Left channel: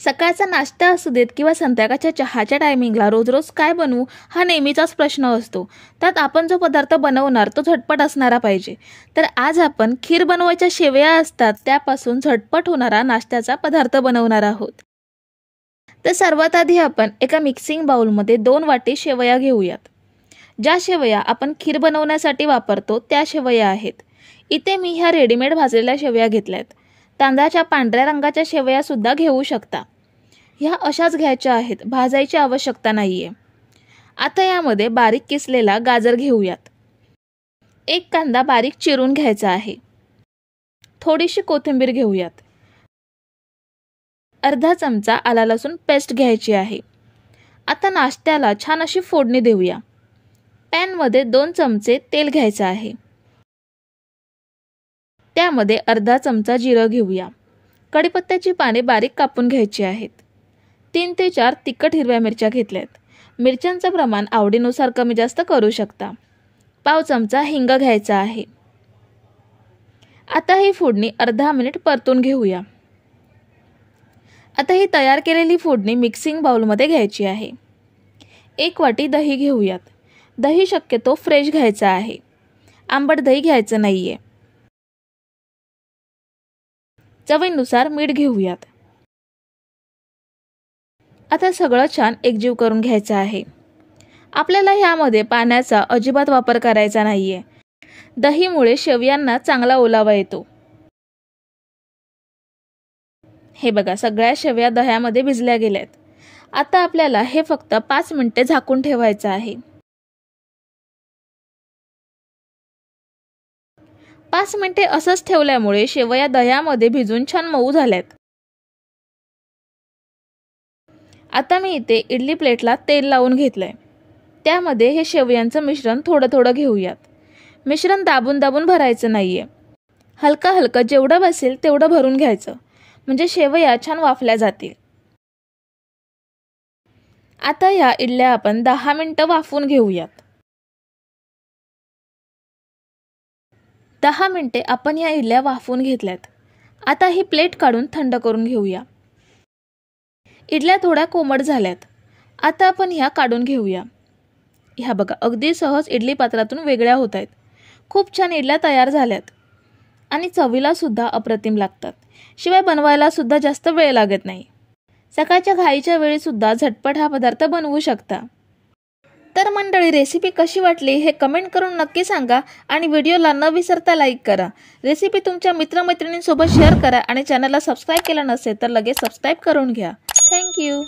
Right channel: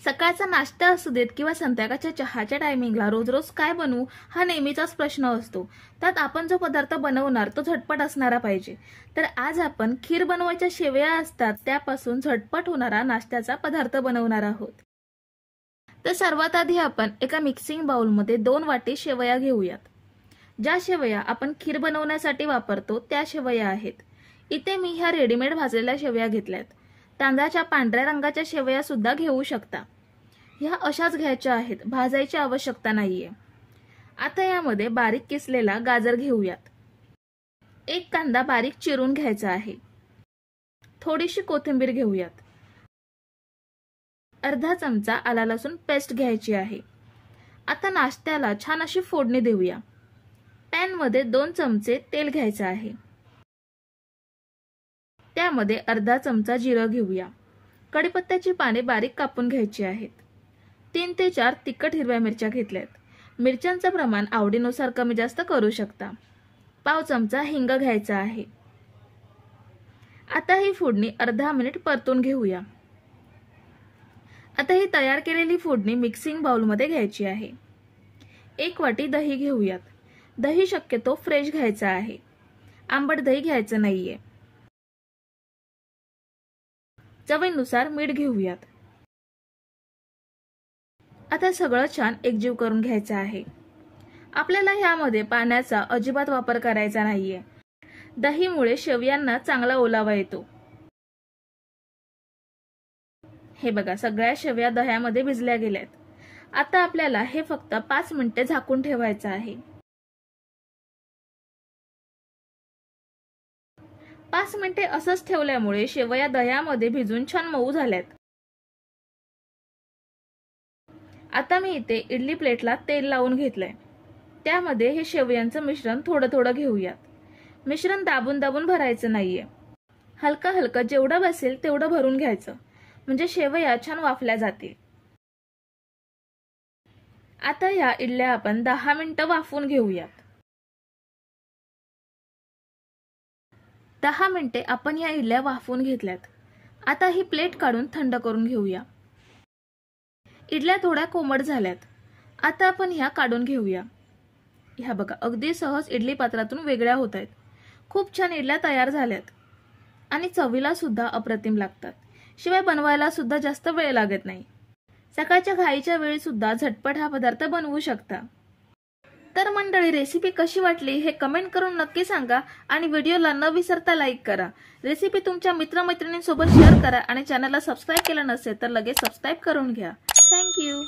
सकाळचा नाश्ता असू देत किंवा संध्याकाळच्या चहाच्या टायमिंगला रोज रोज काय बनवू हा नेहमीचाच प्रश्न असतो। त्यात आपण जो पदार्थ बनवणार तो झटपट असणारा पाहिजे। तर आज आपण खीर बनवायच्या शेवया असतात त्यापासून झटपट होणारा नाश्त्याचा पदार्थ बनवणार आहोत। तर सर्वात आधी आपण एका मिक्सिंग बाउलमध्ये 2 वाटी शेवया घेऊयात। ज्या शेवया आपण खीर बनवण्यासाठी वापरतो त्या शेवया आहेत। इथे मी ह्या रेडीमेड भाजलेल्या शेवया घेतल्यात। तांदळाच्या पांढऱ्या रंगाच्या शेवया सुद्धा घेऊ शकता। ह्या अशाच घ्यायच्या आहेत, भाजायची आवश्यकता नाहीये। आता यामध्ये बारीक किसलेला गाजर घेऊयात। एक कांदा बारीक चिरून घ्यायचा आहे। थोडीशी कोथिंबीर घेऊयात। अर्धा चमचा आला लसूण पेस्ट घ्यायची आहे। आता नाश्त्याला छान अशी फोडणी देऊया। पॅन मध्ये 2 चमचे तेल घ्यायचे आहे। त्यामध्ये अर्धा चमचा जिरं घेऊया। कढीपत्त्याची पाने बारीक कापून घ्यायची आहेत। 3 ते 4 तिखट हिरव्या मिरच्या घेतल्यात। मिरच्यांचं प्रमाण आवडीनुसार कमी जास्त करू शकता। पाव चमचा हिंग घ्यायचा आहे। आता ही फोडणी अर्धा मिनिट परतून घेऊया। आता ही तयार केलेली फोडणी मिक्सिंग बाउलमध्ये घ्यायची आहे। 1 वाटी दही घेऊयात। दही शक्यतो फ्रेश घ्यायचं आहे, आंबट दही घ्यायचं नाहीये। चवीनुसार मीठ घेऊयात। आता सगळं छान एकजीव करून घ्यायचं आहे। आपल्याला ह्यामध्ये पाण्याचा अजिबात वापर करायचा नाहीये। दहीमुळे शेवयांना चांगला ओलावा येतो। हे बघा, सगळ्या शेवया दह्यामध्ये भिजल्या गेल्यात। आता आपल्याला हे फक्त 5 मिनिटे झाकून ठेवायचं आहे। 5 मिनिटे असंच ठेवल्यामुळे शेवया दह्यामध्ये भिजून छान मऊ झाल्यात। आता मी इथे इडली प्लेटला तेल लावून घेतलंय। त्यामध्ये हे शेवयांचं मिश्रण थोडं थोडं घेऊयात। मिश्रण दाबून दाबून भरायचं नाहीये, हलका हलका जेवढं बसेल तेवढं भरून घ्यायचं, म्हणजे शेवया छान वाफल्या जातील। आता ह्या इडल्या आपण 10 मिनिटं वाफवून घेऊयात। 10 मिनिटे आपण ह्या इडल्या वाफवून घेतल्यात। आता ही प्लेट काढून थंड करून घेऊया। इडल्या थोड्या कोमट झाल्यात। आता आपण ह्या काढून घेऊया। ह्या बघा, अगदी सहज इडली पात्रातून वेगळ्या होत आहेत। खूप छान इडल्या तयार झाल्यात आणि चवीला सुद्धा अप्रतिम लागतात। शिवाय बनवायला सुद्धा जास्त वेळ लागत नाही। सकाळच्या घाईच्या वेळी सुद्धा झटपट हा पदार्थ बनवू शकता। तर मंडळी, रेसिपी कशी वाटली हे कमेंट करून नक्की सांगा आणि व्हिडिओला न विसरता लाईक करा। रेसिपी तुमच्या मित्रमैत्रिणींसोबत शेअर करा आणि चॅनलला सबस्क्राईब केलं नसेल तर लगेच सबस्क्राईब करून घ्या। Thank you.